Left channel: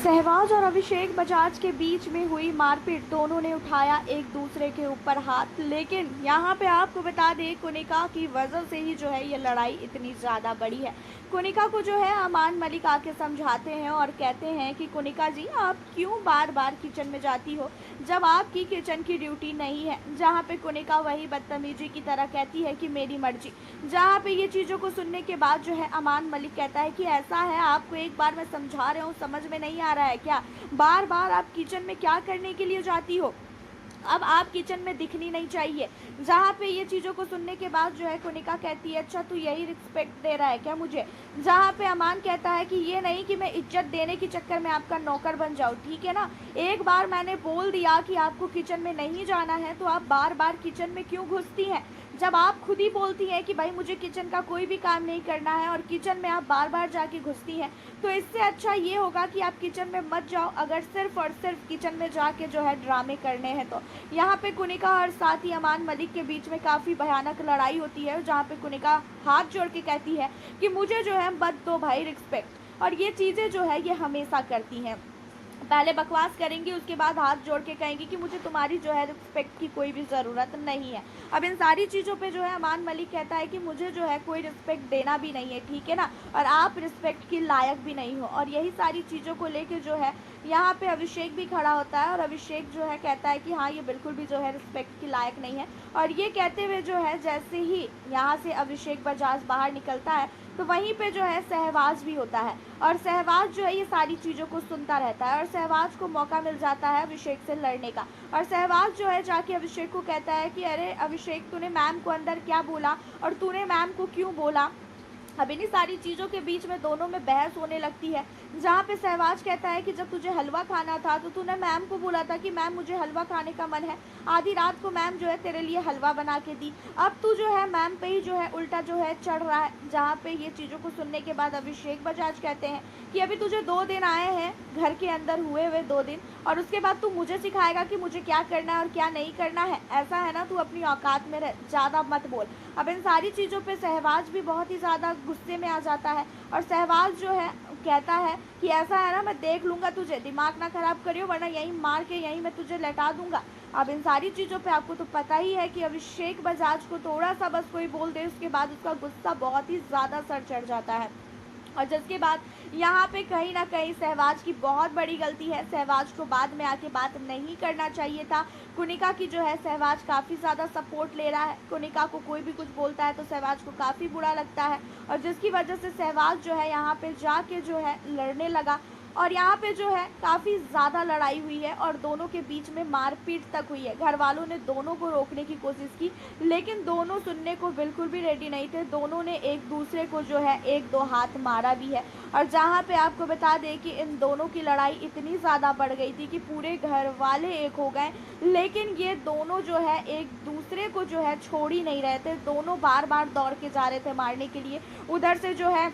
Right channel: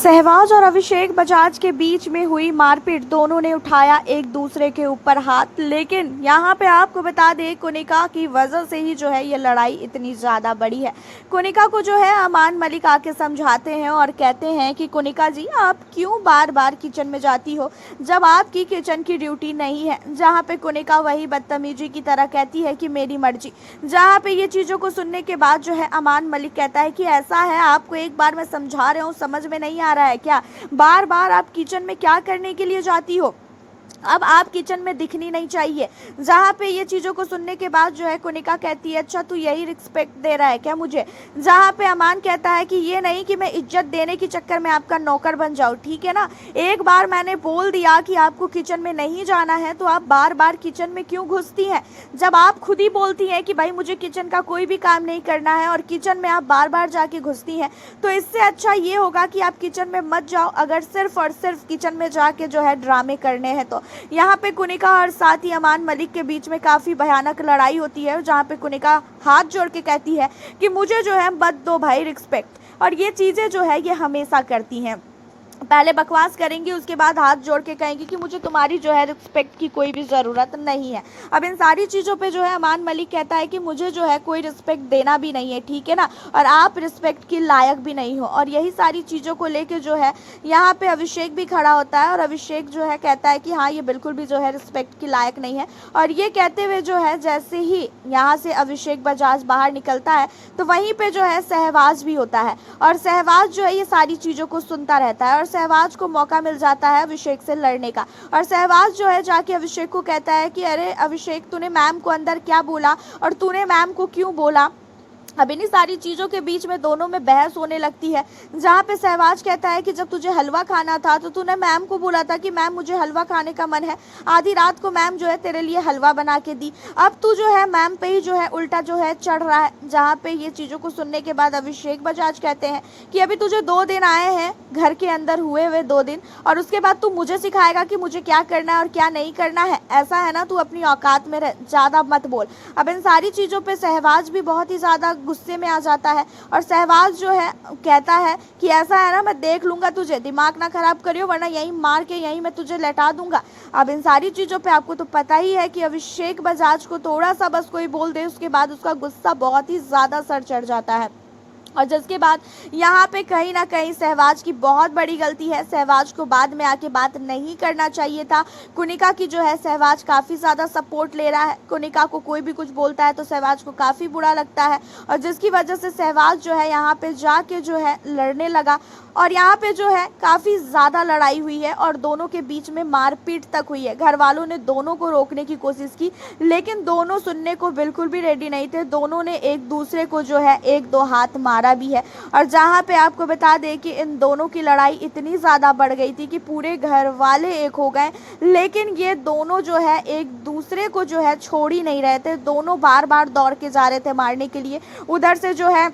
सहवाज और अभिषेक बजाज के बीच में हुई मारपीट। दोनों ने उठाया एक दूसरे के ऊपर हाथ। लेकिन यहाँ पे आपको बता दें, कुनिका की वजह से ही जो है ये लड़ाई इतनी ज़्यादा बड़ी है। कुनिका को जो है अमान मलिक आके समझाते हैं और कहते हैं कि कुनिका जी, आप क्यों बार बार किचन में जाती हो जब आपकी किचन की ड्यूटी नहीं है। जहाँ पे कुनिका वही बदतमीजी की तरह कहती है कि मेरी मर्जी। जहाँ पे ये चीज़ों को सुनने के बाद जो है अमान मलिक कहता है कि ऐसा है, आपको एक बार मैं समझा रहा हूँ, समझ में नहीं आ रहा है क्या? बार बार आप किचन में क्या करने के लिए जाती हो? अब आप किचन में दिखनी नहीं चाहिए। जहाँ पे ये चीज़ों को सुनने के बाद जो है कुनिका कहती है, अच्छा तू यही रिस्पेक्ट दे रहा है क्या मुझे? जहाँ पे अमान कहता है कि ये नहीं कि मैं इज्जत देने के चक्कर में आपका नौकर बन जाऊँ, ठीक है ना। एक बार मैंने बोल दिया कि आपको किचन में नहीं जाना है, तो आप बार बार किचन में क्यों घुसती हैं? जब आप खुद ही बोलती हैं कि भाई मुझे किचन का कोई भी काम नहीं करना है और किचन में आप बार बार जाके घुसती हैं, तो इससे अच्छा ये होगा कि आप किचन में मत जाओ, अगर सिर्फ और सिर्फ किचन में जाके जो है ड्रामे करने हैं तो। यहाँ पे कुनिका और साथ ही अमान मलिक के बीच में काफ़ी भयानक लड़ाई होती है, जहाँ पे कुनिका हाथ जोड़ के कहती है कि मुझे जो है मत दो भाई रिस्पेक्ट। और ये चीज़ें जो है ये हमेशा करती हैं, पहले बकवास करेंगी, उसके बाद हाथ जोड़ के कहेंगी कि मुझे तुम्हारी जो है रिस्पेक्ट की कोई भी ज़रूरत नहीं है। अब इन सारी चीज़ों पे जो है अमान मलिक कहता है कि मुझे जो है कोई रिस्पेक्ट देना भी नहीं है, ठीक है ना, और आप रिस्पेक्ट के लायक भी नहीं हो। और यही सारी चीज़ों को लेके जो है यहाँ पे अभिषेक भी खड़ा होता है और अभिषेक जो है कहता है कि हाँ, ये बिल्कुल भी जो है रिस्पेक्ट के लायक नहीं है। और ये कहते हुए जो है जैसे ही यहाँ से अभिषेक बजाज बाहर निकलता है, तो वहीं पर जो है सहवाज भी होता है और सहवाज जो है ये सारी चीज़ों को सुनता रहता है और सहवाज को मौका मिल जाता है अभिषेक से लड़ने का। और सहवाज जो है जाके अभिषेक को कहता है कि अरे अभिषेक, तूने मैम को अंदर क्या बोला और तूने मैम को क्यों बोला? अब इन्हीं सारी चीज़ों के बीच में दोनों में बहस होने लगती है, जहाँ पे सहवाज कहता है कि जब तुझे हलवा खाना था तो तूने मैम को बोला था कि मैम मुझे हलवा खाने का मन है। आधी रात को मैम जो है तेरे लिए हलवा बना के दी, अब तू जो है मैम पे ही जो है उल्टा जो है चढ़ रहा है। जहाँ पे ये चीज़ों को सुनने के बाद अभिषेक बजाज कहते हैं कि अभी तुझे 2 दिन आए हैं, घर के अंदर हुए 2 दिन, और उसके बाद तू मुझे सिखाएगा कि मुझे क्या करना है और क्या नहीं करना है? ऐसा है ना, तू अपनी औकात में रह, ज़्यादा मत बोल। अब इन सारी चीज़ों पर सहवाज भी बहुत ही ज़्यादा गुस्से में आ जाता है और सहवाज जो है कहता है कि ऐसा है ना, मैं देख लूँगा तुझे, दिमाग ना खराब करियो वरना यहीं मार के यहीं मैं तुझे लटा दूंगा। अब इन सारी चीज़ों पे आपको तो पता ही है कि अभिषेक बजाज को थोड़ा सा बस कोई बोल दे, उसके बाद उसका गुस्सा बहुत ही ज़्यादा सर चढ़ जाता है। और जिसके बाद यहाँ पे कहीं ना कहीं सहवाज की बहुत बड़ी गलती है। सहवाज को बाद में आके बात नहीं करना चाहिए था। कुनिका की जो है सहवाज काफ़ी ज़्यादा सपोर्ट ले रहा है, कुनिका को कोई भी कुछ बोलता है तो सहवाज को काफ़ी बुरा लगता है और जिसकी वजह से सहवाज जो है यहाँ पे जाके जो है लड़ने लगा और यहाँ पे जो है काफ़ी ज़्यादा लड़ाई हुई है और दोनों के बीच में मारपीट तक हुई है। घर वालों ने दोनों को रोकने की कोशिश की, लेकिन दोनों सुनने को बिल्कुल भी रेडी नहीं थे। दोनों ने एक दूसरे को जो है 1-2 हाथ मारा भी है। और जहाँ पे आपको बता दें कि इन दोनों की लड़ाई इतनी ज़्यादा बढ़ गई थी कि पूरे घर वाले एक हो गए, लेकिन ये दोनों जो है एक दूसरे को जो है छोड़ ही नहीं रहे थे। दोनों बार बार दौड़ के जा रहे थे मारने के लिए। उधर से जो है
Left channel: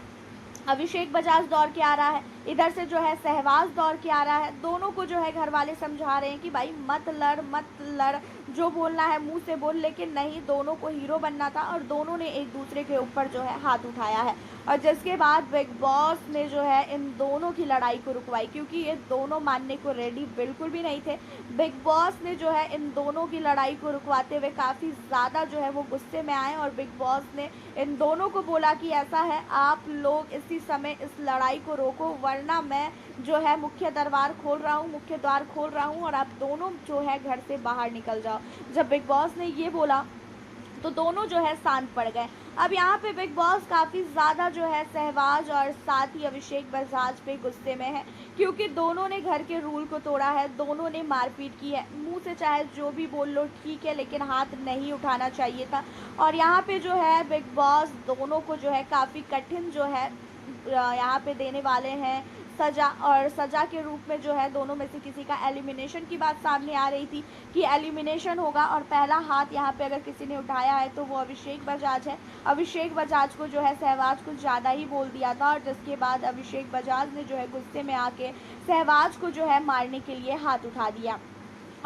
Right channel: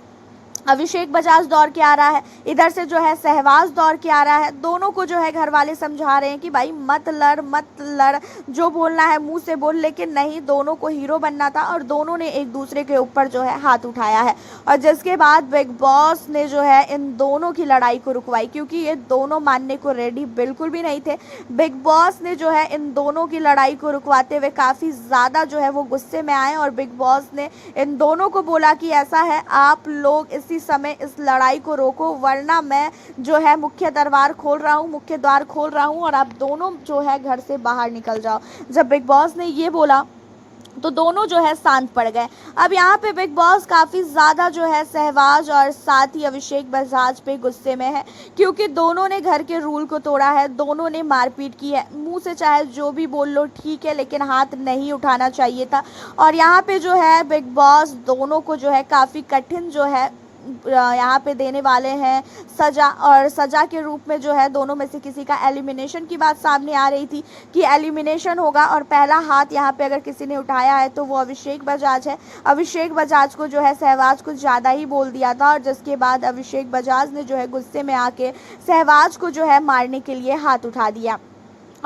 अभिषेक बजाज दौड़ के आ रहा है, इधर से जो है सहवाज दौड़ के आ रहा है। दोनों को जो है घर वाले समझा रहे हैं कि भाई मत लड़, जो बोलना है मुंह से बोल, लेकिन नहीं, दोनों को हीरो बनना था और दोनों ने एक दूसरे के ऊपर जो है हाथ उठाया है। और जिसके बाद बिग बॉस ने जो है इन दोनों की लड़ाई को रुकवाई, क्योंकि ये दोनों मानने को रेडी बिल्कुल भी नहीं थे। बिग बॉस ने जो है इन दोनों की लड़ाई को रुकवाते हुए काफ़ी ज़्यादा जो है वो गुस्से में आए और बिग बॉस ने इन दोनों को बोला कि ऐसा है, आप लोग इसी समय इस लड़ाई को रोको वरना मैं जो है मुख्य द्वार खोल रहा हूँ और आप दोनों जो है घर से बाहर निकल जाओ। जब बिग बॉस ने ये बोला तो दोनों जो है शांत पड़ गए। अब यहाँ पे बिग बॉस काफ़ी ज़्यादा जो है सहवाज और साथ ही अभिषेक बजाज पे गुस्से में है, क्योंकि दोनों ने घर के रूल को तोड़ा है, दोनों ने मारपीट की है। मुंह से चाहे जो भी बोल लो ठीक है, लेकिन हाथ नहीं उठाना चाहिए था। और यहाँ पे जो है बिग बॉस दोनों को जो है काफ़ी कठिन जो है यहाँ पे देने वाले हैं सज़ा, और सज़ा के रूप में जो है दोनों में से किसी का एलिमिनेशन की बात सामने आ रही थी कि एलिमिनेशन होगा और पहला हाथ यहाँ पे अगर किसी ने उठाया है तो वो अभिषेक बजाज है। अभिषेक बजाज को जो है सहवाज कुछ ज़्यादा ही बोल दिया था और जिसके बाद अभिषेक बजाज ने जो है गुस्से में आके सहवाज को जो है मारने के लिए हाथ उठा दिया।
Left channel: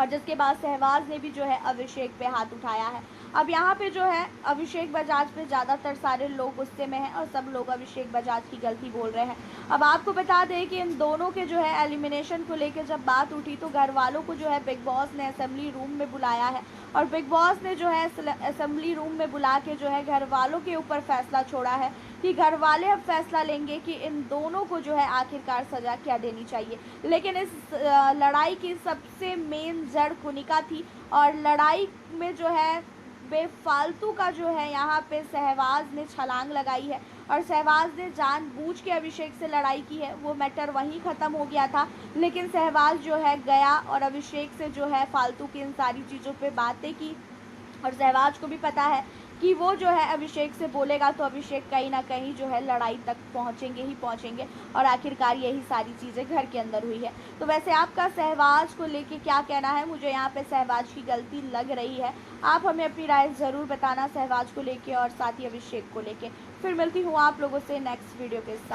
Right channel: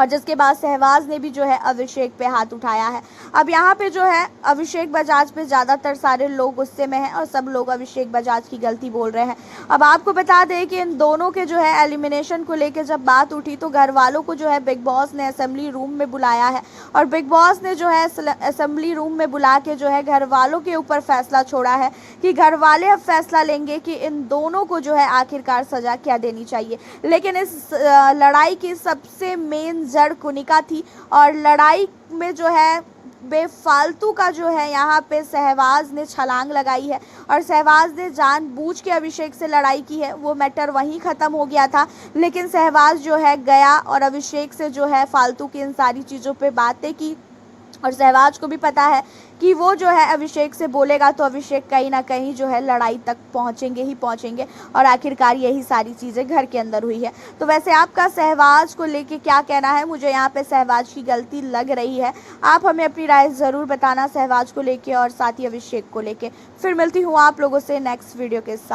और जिसके बाद सहवाज ने भी जो है अभिषेक पे हाथ उठाया है। अब यहाँ पे जो है अभिषेक बजाज पे ज़्यादातर सारे लोग गुस्से में हैं और सब लोग अभिषेक बजाज की गलती बोल रहे हैं। अब आपको बता दें कि इन दोनों के जो है एलिमिनेशन को लेकर जब बात उठी तो घर वालों को जो है बिग बॉस ने असेंबली रूम में बुलाया है और बिग बॉस ने जो है असेंबली रूम में बुला के जो है घर वालों के ऊपर फैसला छोड़ा है कि घर वाले अब फैसला लेंगे कि इन दोनों को जो है आखिरकार सज़ा क्या देनी चाहिए। लेकिन इस लड़ाई की सबसे मेन जड़ कुनिका थी और लड़ाई में जो है बेफालतू का जो है यहाँ पे सहवाज ने छलांग लगाई है और सहवाज ने जानबूझ के अभिषेक से लड़ाई की है। वो मैटर वहीं ख़त्म हो गया था, लेकिन सहवाज जो है गया और अभिषेक से जो है फालतू की इन सारी चीज़ों पे बातें की और सहवाज को भी पता है कि वो जो है अभिषेक से बोलेगा तो अभिषेक कहीं ना कहीं जो है लड़ाई तक पहुंचेंगे ही पहुंचेंगे और आखिरकार यही सारी चीज़ें घर के अंदर हुई है। तो वैसे आपका सहवाज को लेके क्या कहना है? मुझे यहाँ पे सहवाज की गलती लग रही है। आप हमें अपनी राय ज़रूर बताना सहवाज को लेके और साथ ही अभिषेक को लेके। फिर मिलती हूँ आप लोगों से नेक्स्ट वीडियो के साथ।